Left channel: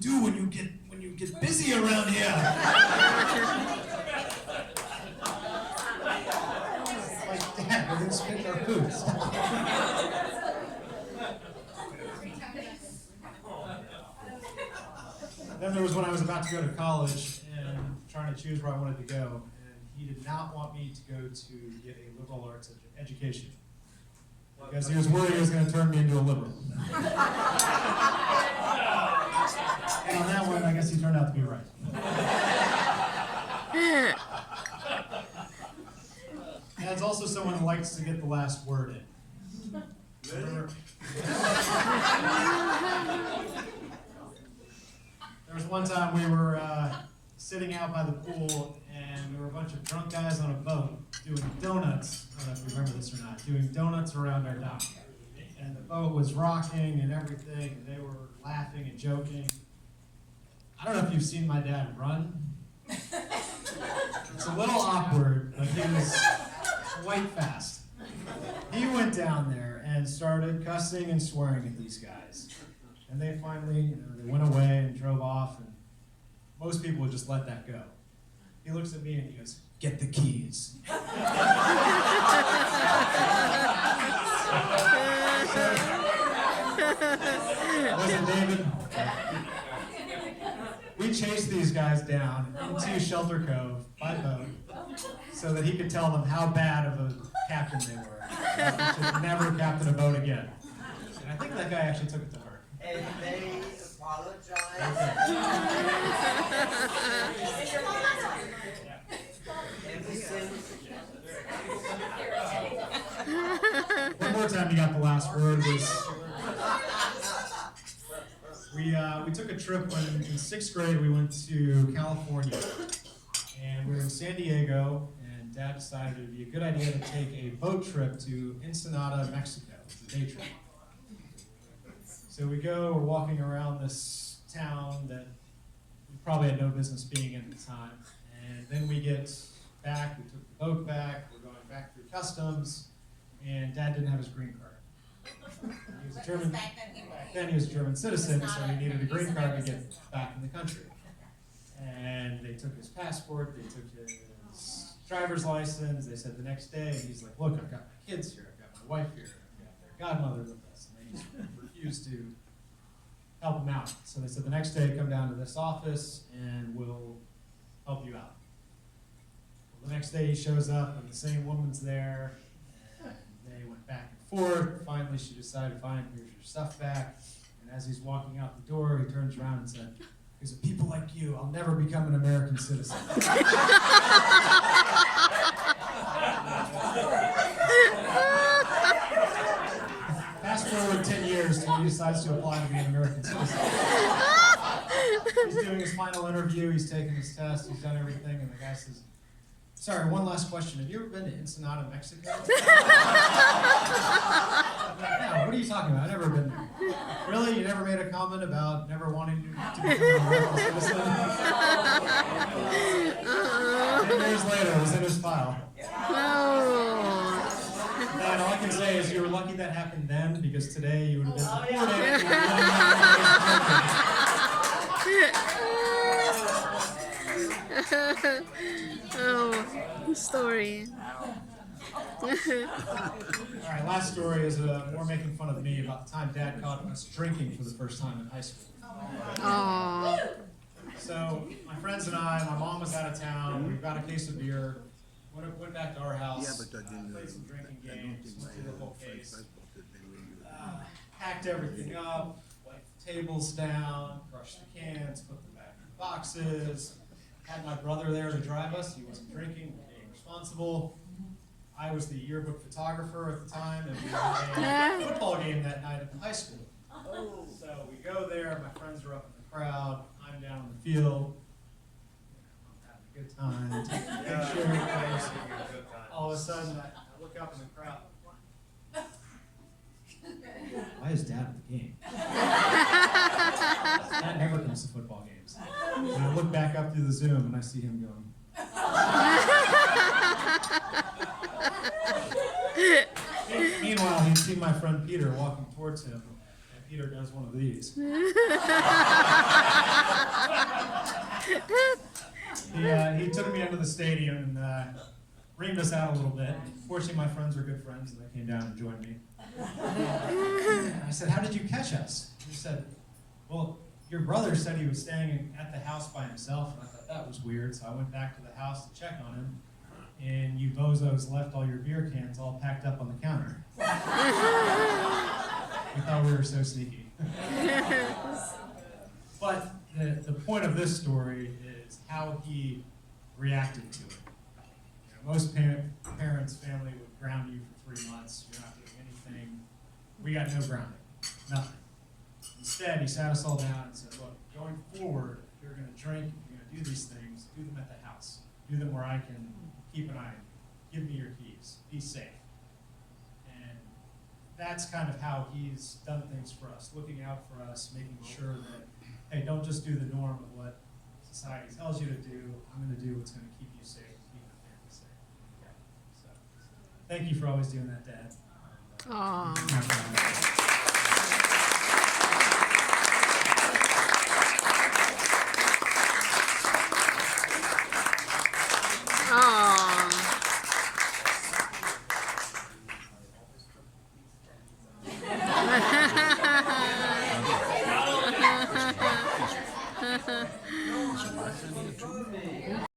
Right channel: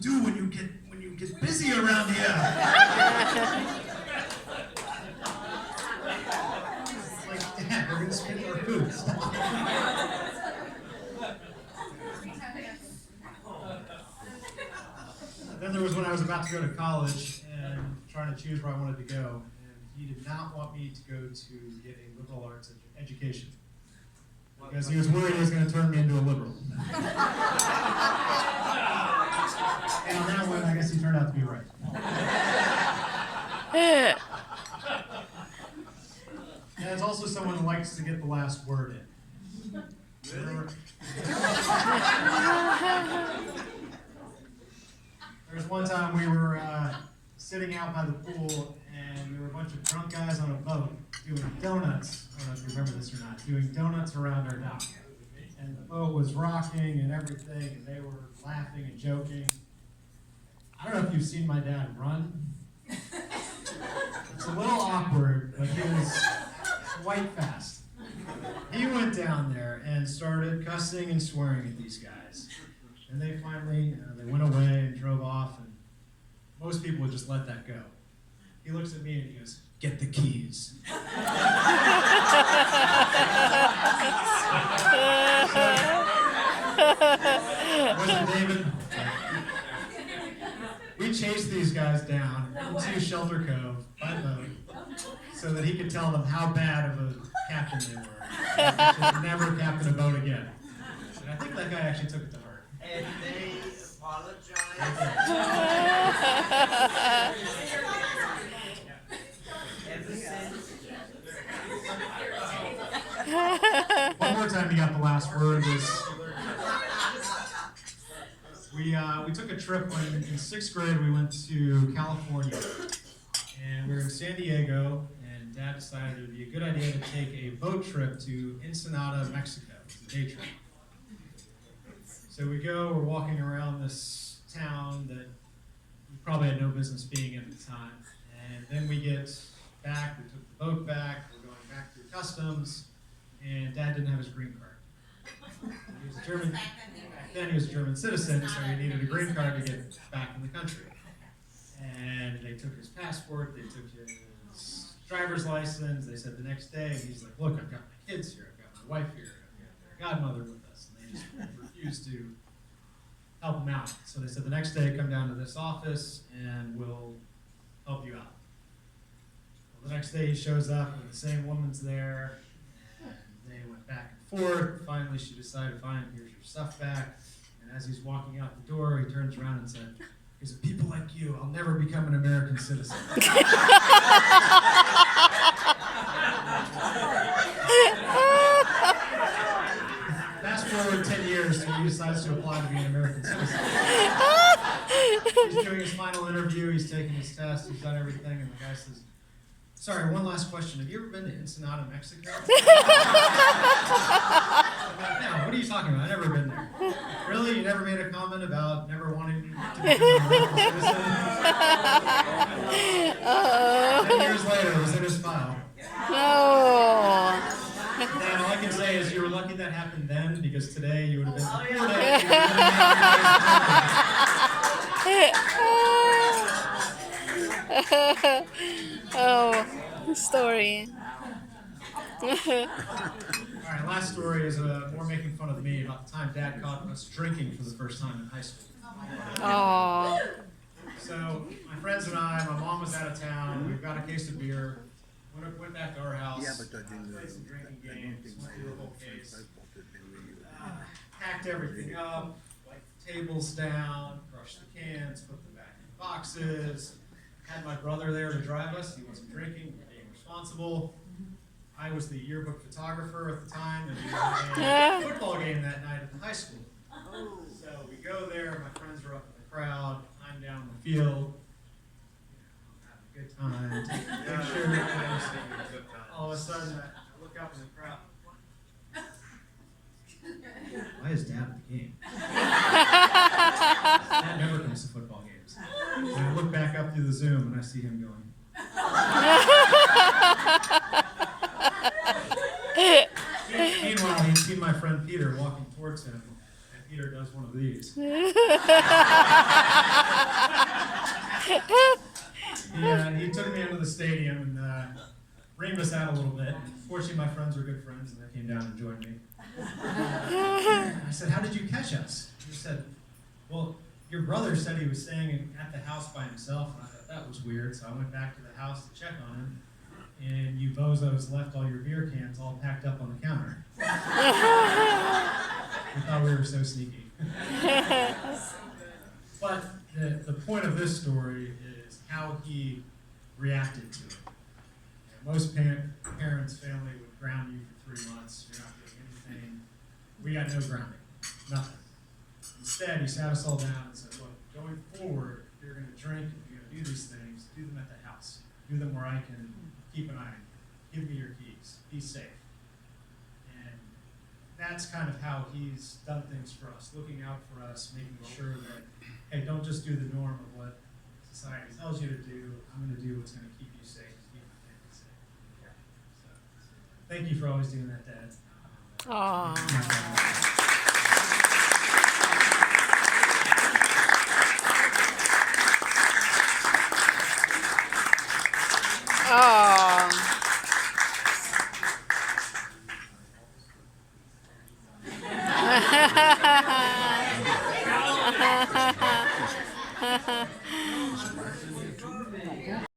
do when you get busy around here? Like, Dad, we're gonna split our food. Then there was when I was about to go to college and trying to choose where I wanted to go, and he did not want me to go to get a liberal arts education because he was worried he was going to turn me into a liberal. And on that one, I guess he turned out to be right. And as also someone who likes to get the last word in. Really? There was one time we were sitting out by the pool, and there were a bunch of drunk guys on a boat doing donuts. I don't know if you remember this or not. Doing donuts around our dock. And the boat was rocking and everything, and they were laughing and joking. I don't know if you've seen my dad run. It's a little awkward, but he was quite fast. He went down there and started cussing and swearing at these guys. And they finally, they went away and drove off, and most people would just let that go. He looks at me and he goes, "Get the keys." Wasn't it, David? We chased these guys down into Shelter Cove by boat so that he could tell them how bad of a captain they were. He should never captain a boat again. And I think that guy actually took it to heart. And they apologize. One more time, you got the last word. We took a trip when in 6th grade. We went to California, and we were in San Diego. And Dad decided it would be a good idea to take a boat trip to Ensenada, Mexico. It's a day trip. So we go, we're walking around this town that we probably had no business being in at the time. And then we get back, we took the boat back, we're going back through customs, and Dad didn't have his green card. He was a German, back then he was a German citizen, so he needed a green card to get back in the country. And they took his passport, they took his driver's license, they said the next day, and he's like, "Look, I've got my kids here, I've got my wife here, I've got their godmother with us," and they just refused to help him out. So they said the next day, come down to this office and we'll help you out. Well, the next day he shows up and the same woman's there, and they went back and forth. Finally she decided, "Fine, here's your stuff back." And as he's walking out the door, he turns around and said, "Because of people like you, I'll never become an American citizen." Fast forward 10 years, and he decides to apply to be an American citizen. He's doing his final interview, he's taking his test, he's done everything, and the guy says, "Sorry, one last question. Have you ever been to Ensenada, Mexico?" "No, what are you talking about? I've never been there." "Really? You never made a comment about never wanting to become an American citizen?" 10 years later, it was in his file. No. And all I can say is you were lucky that happened then, because today you would have been deported. Oh, story. All right, last story is more making fun of me about the time Dad caught us drinking for the first time in high school. Oh. So my friends and I, my mom was out of town, we got a case of beer, went back to our house, Yeah, but I didn't. played some drinking I don't games, think my did the whole case, friends bought it when we. packed everything up, like the tables down, crushed the cans, put them back in the boxes, had my brother there to drive us. He wasn't drinking, being responsible. I was the yearbook photographer at the time, and we had a football game that night at the high school. So we go there, my friends are up in the crowd, I'm down in the field, having a good time, taking pictures. All of a sudden, I look up in the crowd. Why is Dad at the game? Dad never comes to football games. And I look back up through the Zoom and I see him going. Meanwhile, he'd seen my friend Peter walking towards him, and Peter does one of these. He took me into the stadium and reamed us out a little bit. Fortunately, my friends were good friends, and they came down and joined me. I said, "How did you catch us?" He said, "Well, your brother said he was staying at the house by himself," and I thought that was weird. So I went back to the house to check on him, and you bozos left all your beer cans all packed up on the counter. We thought we were so sneaky. But the point of this story is how he reacted to it. Most parents' family would ground you for 3 months. You're not getting anything. We got no grounding, nothing. Instead, he sat us all down and said, "Look, going forward, if you're going to drink, if you're going to do these things, do them at the house. Do them where I can keep an eye on you. Give me your keys. Be safe." And that's kind of how he's done things for us, looking out for us, making sure that, hey, don't just do the norm of what society tells you to do. I'm going to do what's going to keep you safe, keep your family safe. So, thank you for always doing that, Dad. Aw.